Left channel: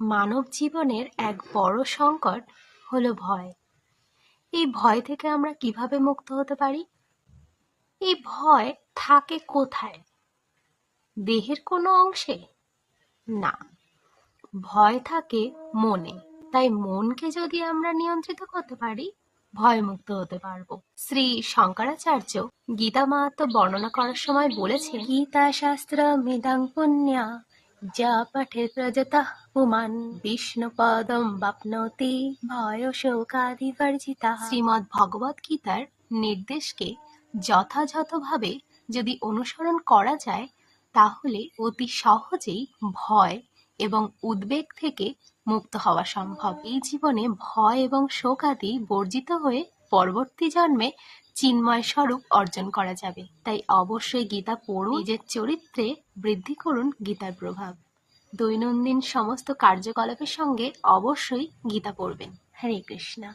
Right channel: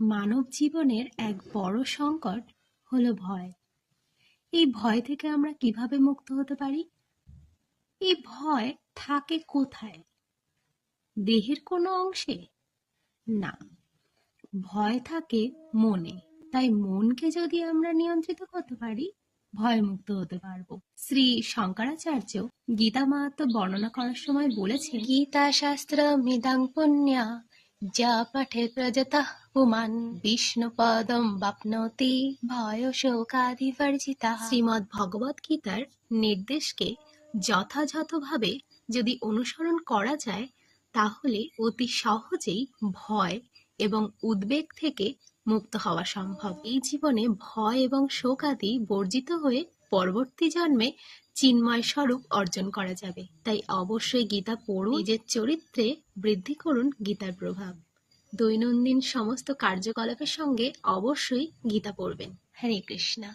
মানব জীবনের এক বড় সংকট হলো ভয়। এই ভয় থেকে আমরা কিভাবে মুক্ত হতে পারি? এই ভয় থাকে কোথায়? দেহের কোনো অংশে? না, ভয় থাকে মনে। তাই মনকে যদি আমরা নিয়ন্ত্রিত করতে পারি, ভয় মুক্ত হতে পারবো। শ্রী শঙ্করাচার্য গীতা মাহাত্ম্য বর্ণনা করার সময় বলেছেন, গীতা শাস্ত্র মিদং পুণ্যা যা পাঠে প্রজতঃ পুমান বিষ্ণু পদম বাপ্নোতি ভয় শোকাদিবর্জিতা। শ্রীমদ্ ভগবত গীতার নির্দেশকে যথাযথভাবে যদি অনুসরণ করা যায়, তাহলে অতি সহজেই ভয় এবং উদ্বেগ থেকে মুক্ত হওয়া সম্ভব। এই জীবনে ভয় এবং শোকাদি বর্জিত হয়ে পরবর্তী জন্মে চিন্ময় স্বরূপ অর্জন করা যাবে। তাই অবশ্যই গীতা পড়ুন, নিজের চরিত্রে বৃদ্ধি করুন গীতার প্রভাব। দৈনন্দিন সমস্ত কার্যকলাপের সঙ্গে অবশ্যই গীতা পড়বেন। হরে কৃষ্ণা।